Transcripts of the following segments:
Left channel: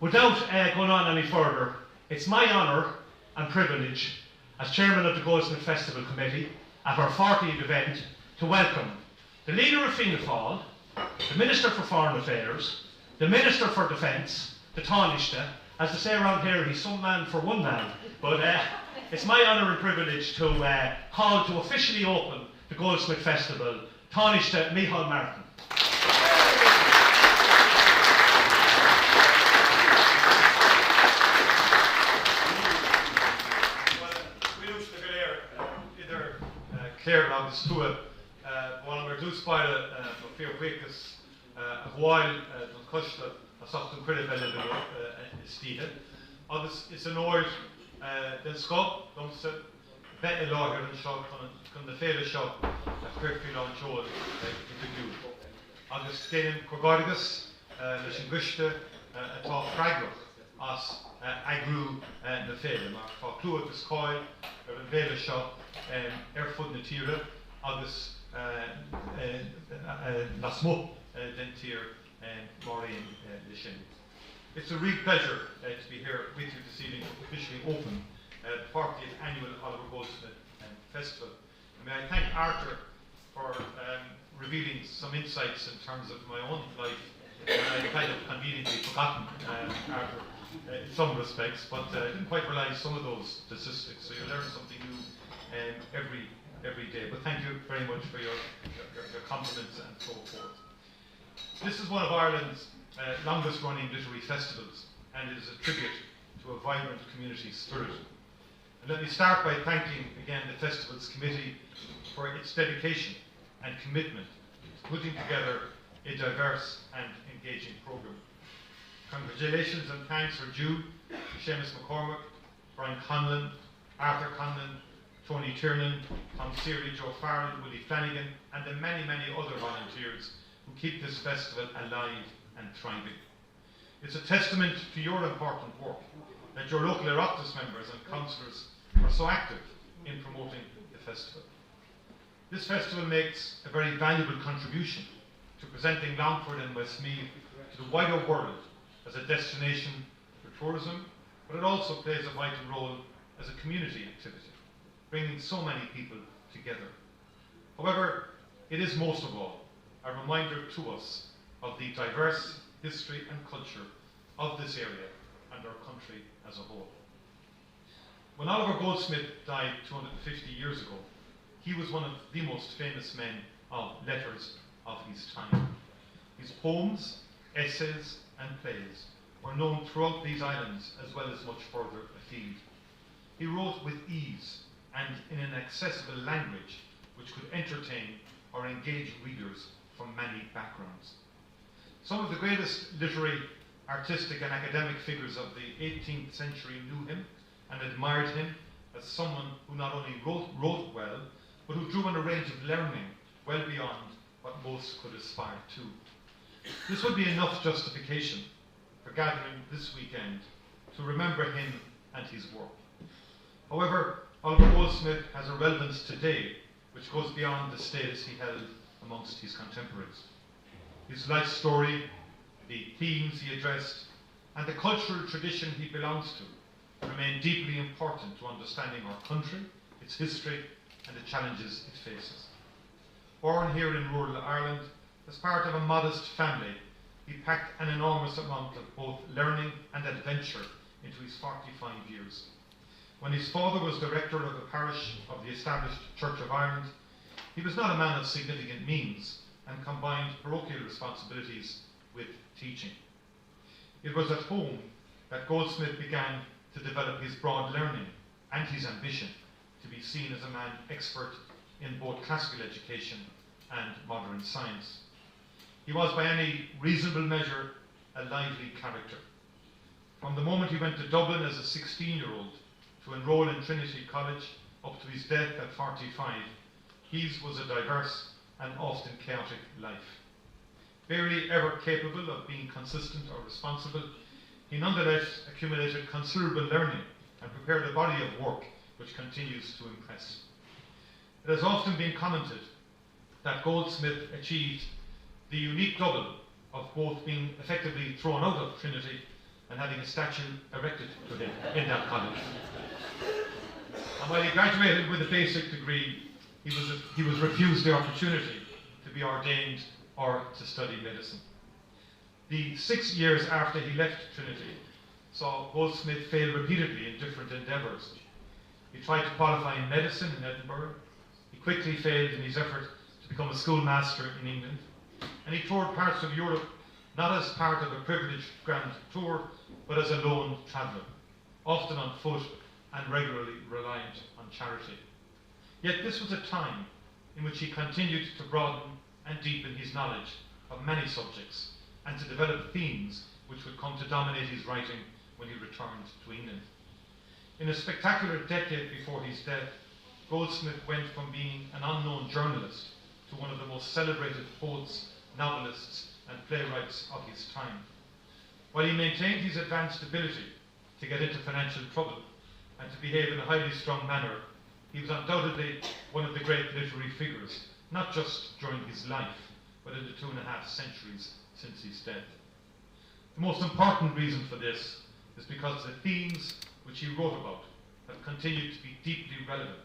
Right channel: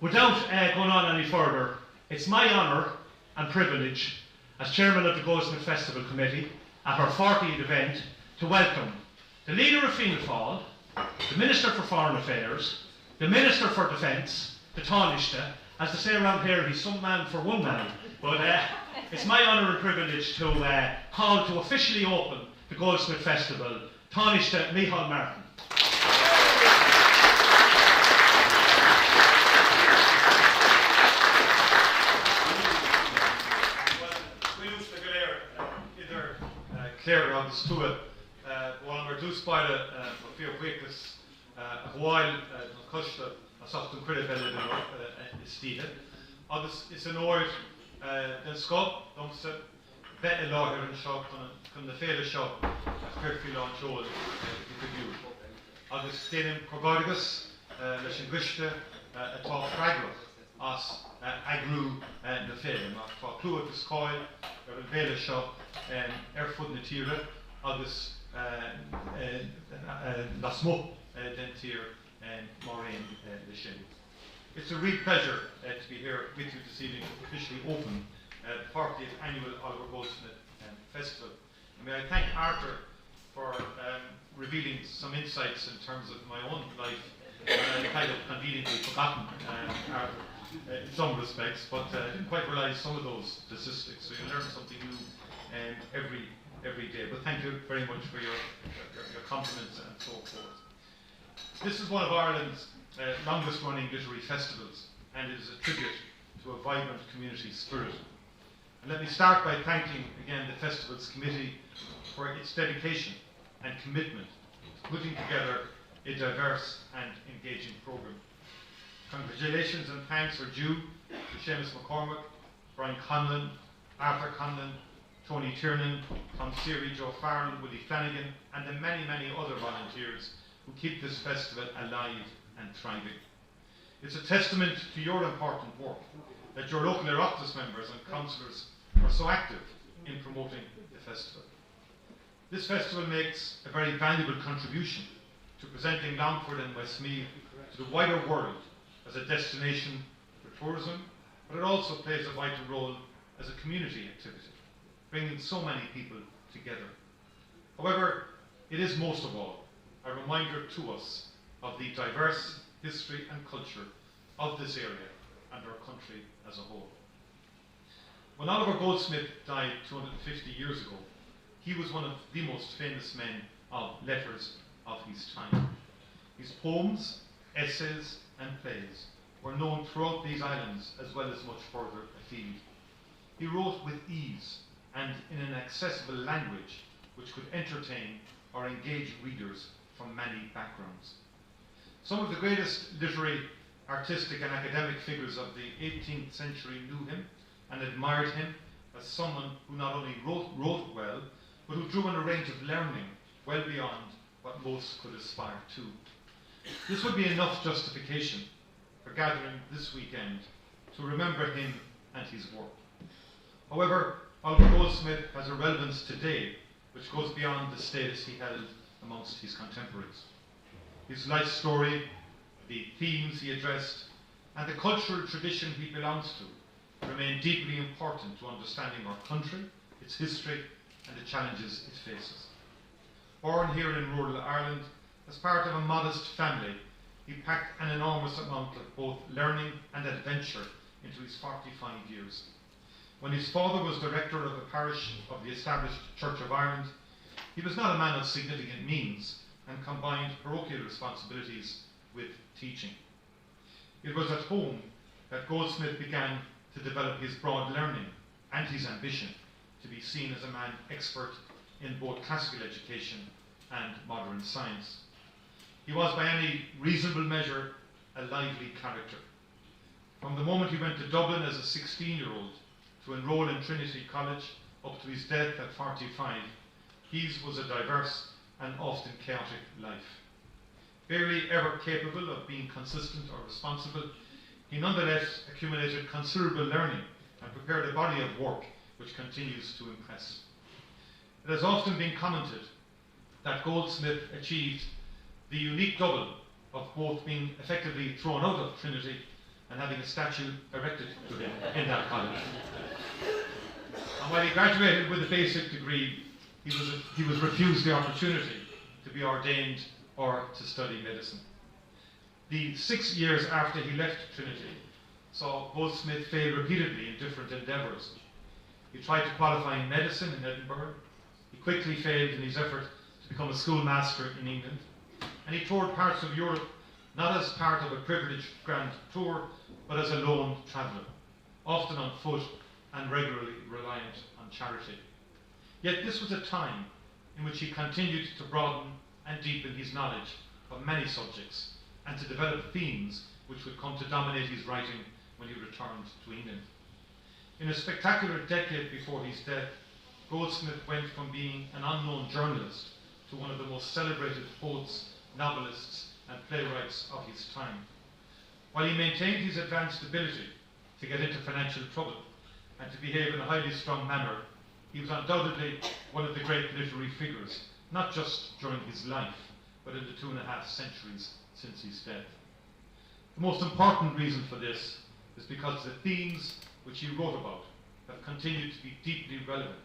Without going on any further, it's my honour and privilege as Chairman of the Goldsmith Festival Committee at our 40th event to welcome the Leader of Fianna Fáil, the Minister for Foreign Affairs, the Minister for Defence, the Tanaiste. As they say around here, he's some man for one man. But it's my honour and privilege to call to officially open the Goldsmith Festival, Tanaiste Micheal Martin. Claire agus tú bháin mar dúspáile fíor chuicas a bháil an coiste a sochtú cuireadh eile istíthe. Agus is an óir den scop domsa bheith I láithir an seo chun na féile seo a chuirfiú an teol I go dú. Agus déanam cogádagus leis an gcuiste atá freigrach as agrú na féile mar fá clúad is cáil ar an bhéile seo fud na tíre agus na smó den tír Maureen le sin. It's a real pleasure to be here with you this evening to officially open the 40th annual Oliver Goldsmith Festival. And may I thank Arthur for revealing some insights in terms of my own life. I kind of conveniently forgotten Arthur in some respects, but I didn't quite realise some of those statistics. So you learn something new every day. But thank you very much for your compliments and so forth. This is one of Ireland's longest running literary festivals, and it is a tribute to a vibrant community spirit. And let me start by thanking again the festival's committee for its dedication and commitment to putting together a diverse and engaging programme. Congratulations and thanks are due to Seamus McCormack, Brian Conlon, Arthur Conlon, Tony Tiernan, Tom Seary, Joe Farrell, Willie Flanagan, and the many, many other volunteers who keep this festival alive and thriving. It's a testament to your important work that your local Oireachtas members and councillors are so active in promoting the festival. This festival makes a very valuable contribution to presenting Longford and Westmeath to the wider world as a destination for tourism, but it also plays a vital role as a community activity, bringing so many people together. However, it is most of all a reminder to us of the diverse history and culture of this area and our country as a whole. When Oliver Goldsmith died 250 years ago, he was one of the most famous men of letters of his time. His poems, essays and plays were known throughout these islands as well as much further afield. He wrote with ease and in an accessible language which could entertain or engage readers from many backgrounds. Some of the greatest literary, artistic and academic figures of the 18th century knew him and admired him as someone who not only wrote well, but who drew on a range of learning well beyond what most could aspire to. This would be enough justification for gathering this weekend to remember him and his work. However, Oliver Goldsmith has a relevance today which goes beyond the status he held amongst his contemporaries. His life story, the themes he addressed, and the cultural tradition he belongs to remain deeply important to understanding our country, its history, and the challenges it faces. Born here in rural Ireland, as part of a modest family, he packed an enormous amount of both learning and adventure into his 45 years. When his father was director of a parish of the established Church of Ireland, he was not a man of significant means and combined parochial responsibilities with teaching. It was at home that Goldsmith began to develop his broad learning and his ambition to be seen as a man expert in both classical education and modern science. He was by any reasonable measure a lively character. From the moment he went to Dublin as a 16-year-old to enrol in Trinity College up to his death at 45, his was a diverse and often chaotic life. Barely ever capable of being consistent or responsible, he nonetheless accumulated considerable learning and prepared a body of work which continues to impress. It has often been commented that Goldsmith achieved the unique double of both being effectively thrown out of Trinity and having a statue erected to him in that college. And while he graduated with a basic degree, he was refused the opportunity to be ordained or to study medicine. The 6 years after he left Trinity saw Goldsmith fail repeatedly in different endeavours. He tried to qualify in medicine in Edinburgh. He quickly failed in his effort to become a schoolmaster in England. And he toured parts of Europe not as part of a privileged grand tour, but as a lone traveller, often on foot and regularly reliant on charity. Yet this was a time in which he continued to broaden and deepen his knowledge of many subjects and to develop themes which would come to dominate his writing when he returned to England. In a spectacular decade before his death, Goldsmith went from being an unknown journalist to one of the most celebrated poets, novelists, and playwrights of his time. While he maintained his advanced ability to get into financial trouble and to behave in a highly strung manner, he was undoubtedly one of the great literary figures, not just during his life, but in the 2.5 centuries since his death. The most important reason for this is because the themes which he wrote about have continued to be deeply relevant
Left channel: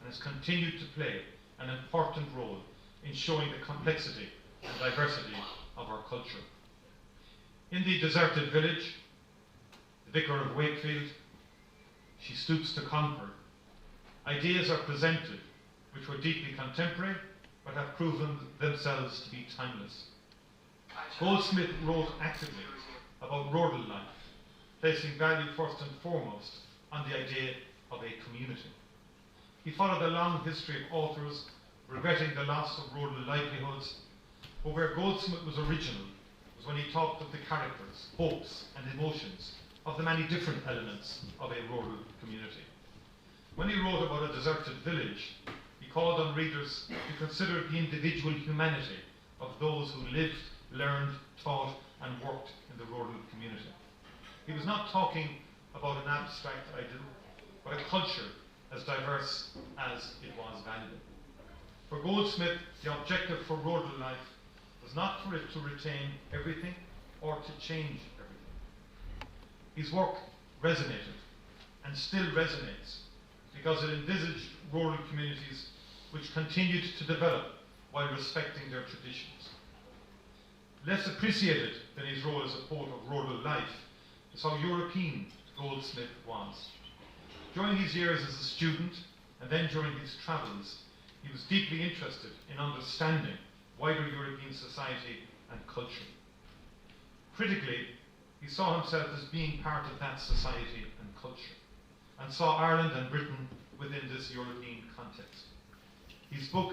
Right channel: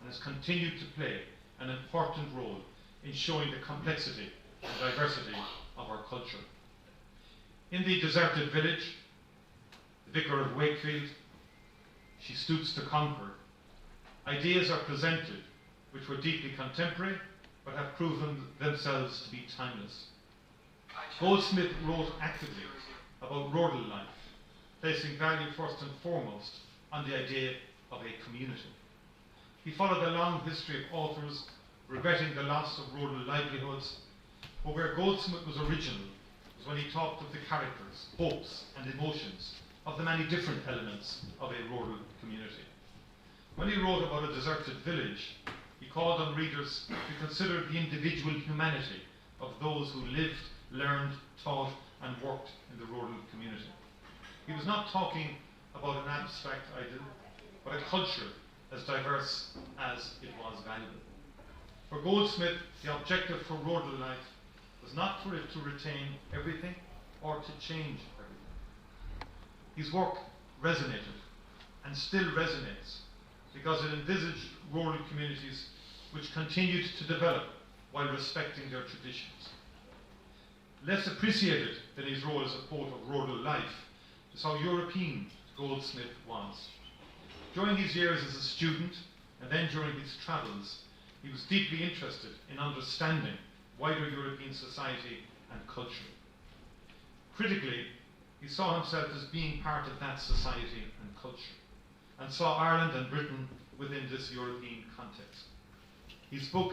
and has continued to play an important role in showing the complexity and diversity of our culture. In The Deserted Village, The Vicar of Wakefield, She Stoops to Conquer, ideas are presented which were deeply contemporary but have proven themselves to be timeless. Goldsmith wrote actively about rural life, placing value first and foremost on the idea of a community. He followed a long history of authors regretting the loss of rural livelihoods, but where Goldsmith was original was when he talked of the characters, hopes and emotions of the many different elements of a rural community. When he wrote about A Deserted Village, he called on readers to consider the individual humanity of those who lived, learned, taught and worked in the rural community. He was not talking about an abstract ideal, but a culture as diverse as it was valuable. For Goldsmith, the objective for rural life was not for it to retain everything or to change everything. His work resonated and still resonates because it envisaged rural communities which continued to develop while respecting their traditions. Less appreciated than his role as a poet of rural life is how European Goldsmith was. During his years as a student and then during his travels, he was deeply interested in understanding wider European society and culture. Critically, he saw himself as being part of that society and culture, and saw Ireland and Britain within this European context. His book,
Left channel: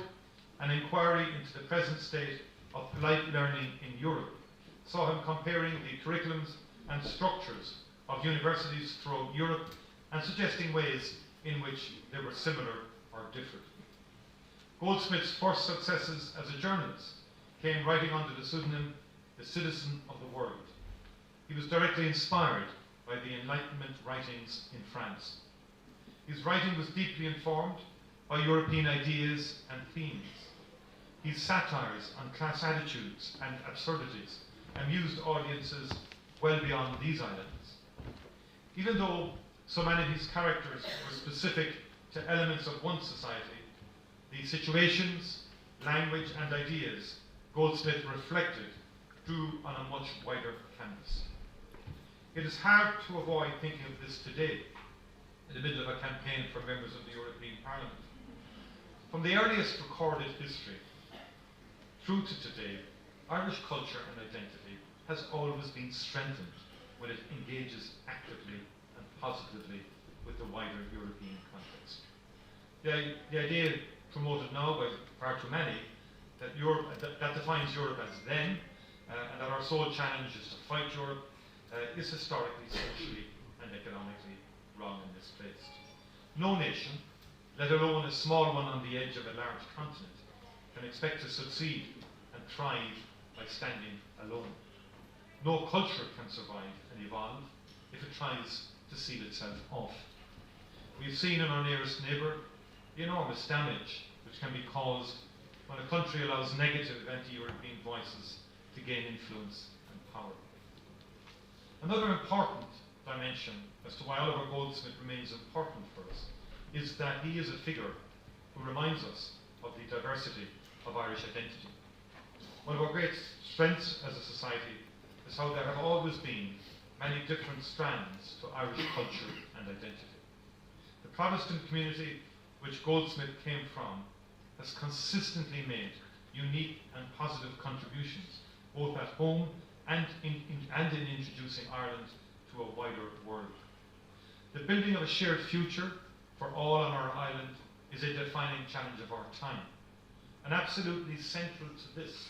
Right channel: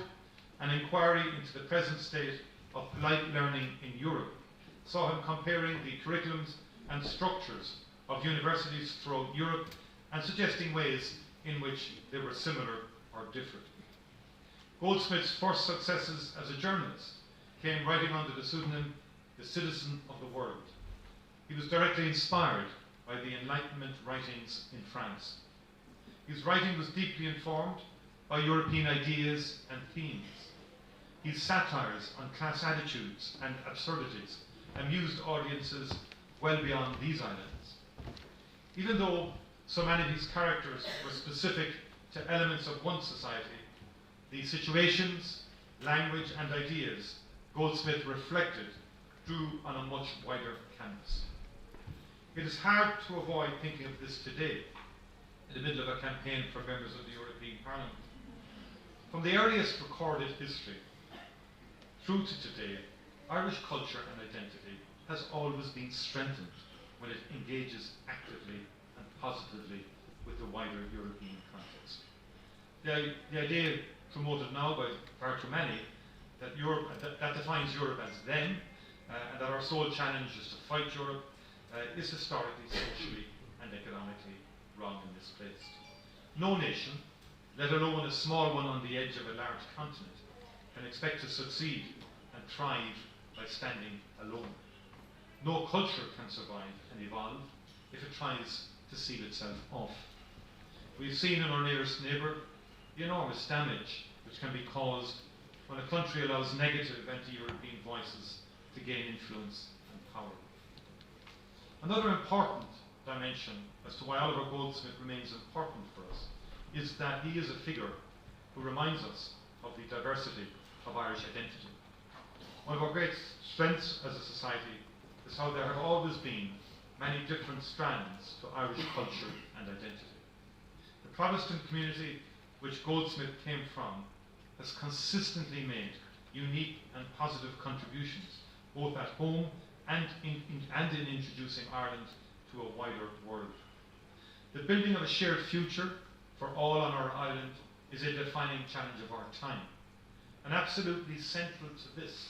An Inquiry into the Present State of Life Learning in Europe, saw him comparing the curriculums and structures of universities throughout Europe and suggesting ways in which they were similar or different. Goldsmith's first successes as a journalist came writing under the pseudonym The Citizen of the World. He was directly inspired by the Enlightenment writings in France. His writing was deeply informed by European ideas and themes. His satires on class attitudes and absurdities amused audiences well beyond these islands. Even though so many of his characters were specific to elements of one society, the situations, language and ideas Goldsmith reflected drew on a much wider canvas. It is hard to avoid thinking of this today, in the middle of a campaign for members of the European Parliament. From the earliest recorded history through to today, Irish culture and identity has always been strengthened when it engages actively and positively with the wider European context. The idea promoted now by far too many that Europe that defines Europe as then, and that our sole challenge is to fight Europe, is historically, socially, and economically wrong and misplaced. No nation, let alone a small one on the edge of a large continent, can expect to succeed and thrive by standing alone. No culture can survive and evolve if it tries to seal itself off. We've seen in our nearest neighbour the enormous damage which can be caused when a country allows negative anti-European voices to to gain influence and power. Another important dimension as to why Oliver Goldsmith remains important for us is that he is a figure who reminds us of the diversity of Irish identity. One of our great strengths as a society is how there have always been many different strands to Irish culture and identity. The Protestant community which Goldsmith came from has consistently made unique and positive contributions, both at home and in introducing Ireland to a wider world. The building of a shared future for all on our island is a defining challenge of our time. And absolutely central to this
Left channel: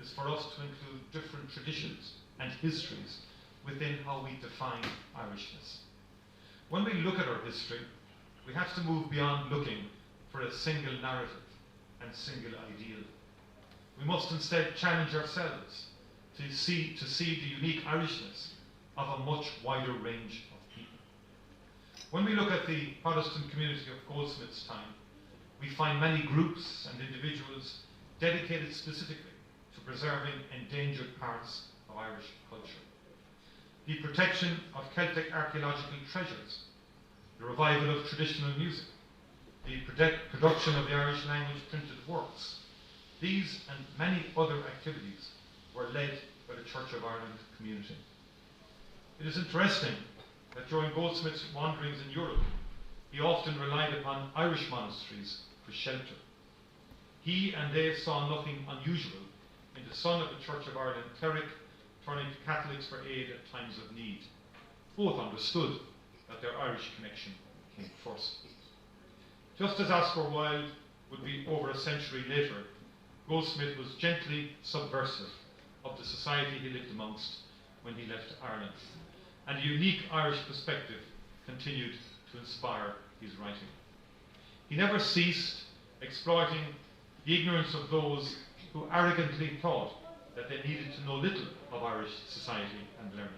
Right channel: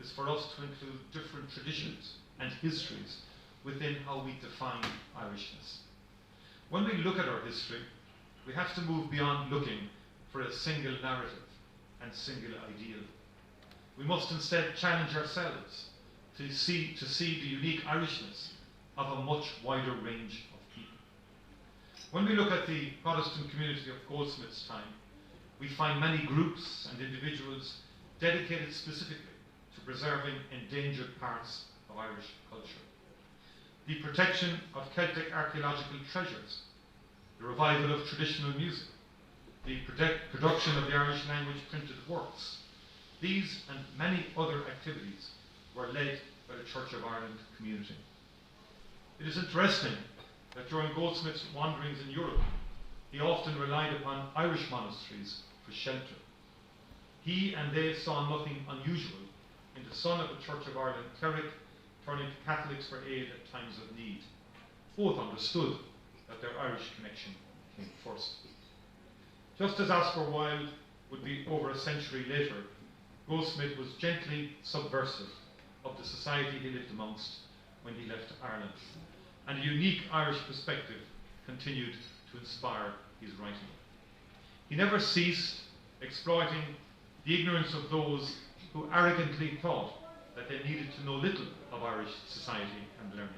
is for us to include different traditions and histories within how we define Irishness. When we look at our history, we have to move beyond looking for a single narrative and single ideal. We must instead challenge ourselves to see the unique Irishness of a much wider range of people. When we look at the Protestant community of Goldsmith's time, we find many groups and individuals dedicated specifically to preserving endangered parts of Irish culture. The protection of Celtic archaeological treasures, the revival of traditional music, the production of the Irish language printed works. These and many other activities were led by the Church of Ireland community. It is interesting that during Goldsmith's wanderings in Europe, he often relied upon Irish monasteries for shelter. He and they saw nothing unusual in the son of the Church of Ireland cleric turning to Catholics for aid at times of need. Both understood that their Irish connection came first. Just as Oscar Wilde would be over a century later, Goldsmith was gently subversive of the society he lived amongst when he left Ireland, and a unique Irish perspective continued to inspire his writing. He never ceased exploiting the ignorance of those who arrogantly thought that they needed to know little of Irish society and learning.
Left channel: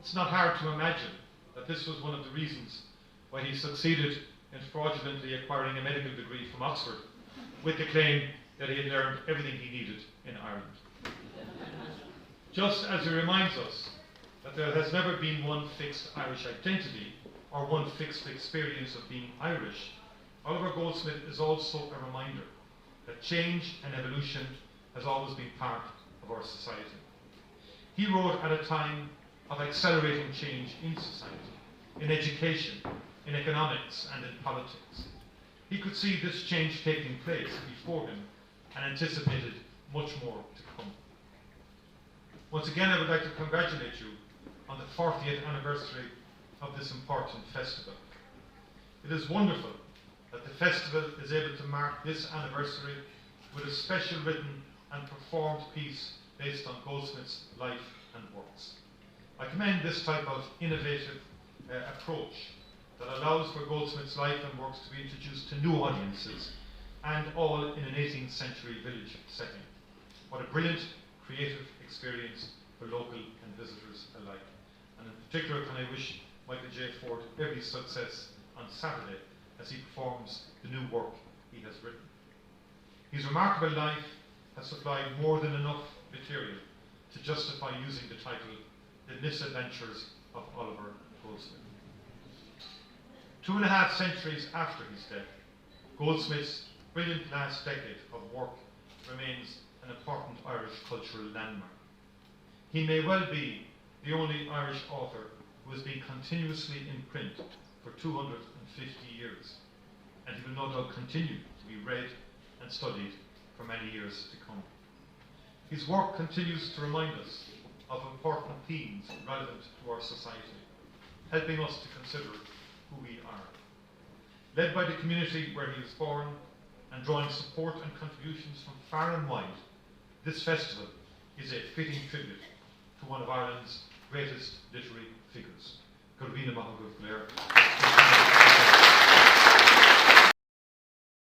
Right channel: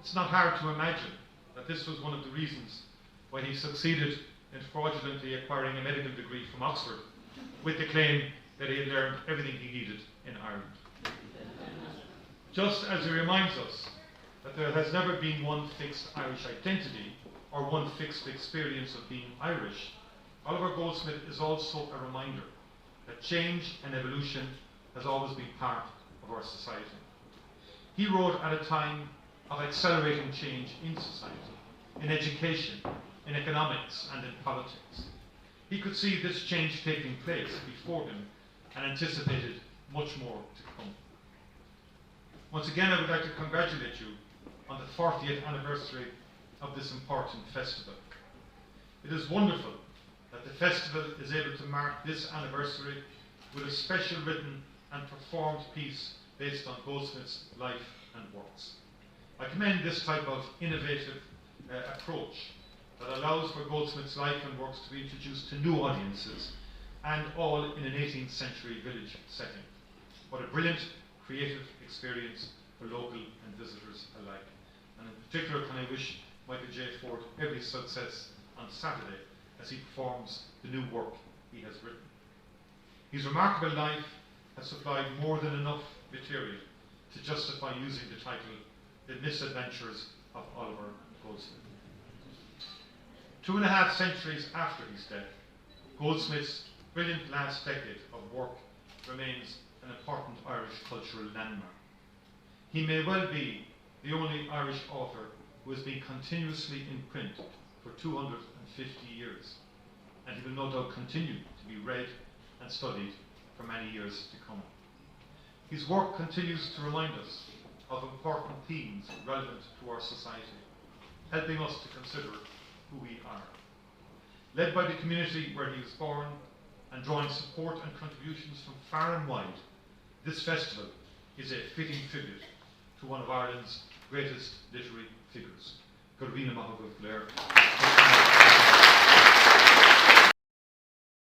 It's not hard to imagine that this was one of the reasons why he succeeded in fraudulently acquiring a medical degree from Oxford with the claim that he had learned everything he needed in Ireland. Just as he reminds us that there has never been one fixed Irish identity or one fixed experience of being Irish, Oliver Goldsmith is also a reminder that change and evolution has always been part of our society. He wrote at a time of accelerating change in society, in education, in economics, and in politics. He could see this change taking place before him and anticipated much more to come. Once again, I would like to congratulate you on the 40th anniversary of this important festival. It is wonderful that the festival is able to mark this anniversary with a special written and performed piece based on Goldsmith's life and works. I commend this type of innovative approach that allows for Goldsmith's life and works to be introduced to new audiences, and all in an 18th century village setting. What a brilliant, creative experience for local and visitors alike. And in particular, can I wish Michael J. Ford every success on Saturday as he performs the new work he has written. His remarkable life has supplied more than enough material to justify using the title The Misadventures of Oliver Goldsmith. 2.5 centuries after his death, Goldsmith's brilliant last decade of work remains an important Irish cultural landmark. He may well be the only Irish author who has been continuously in print for 250 years, and he will no doubt continue to be read and studied for many years to come. His work continues to remind us of important themes relevant to our society, helping us to consider who we are. Led by the community where he was born and drawing support and contributions from far and wide, this festival is a fitting tribute to one of Ireland's greatest literary figures. Gurvina Mahagov Blair.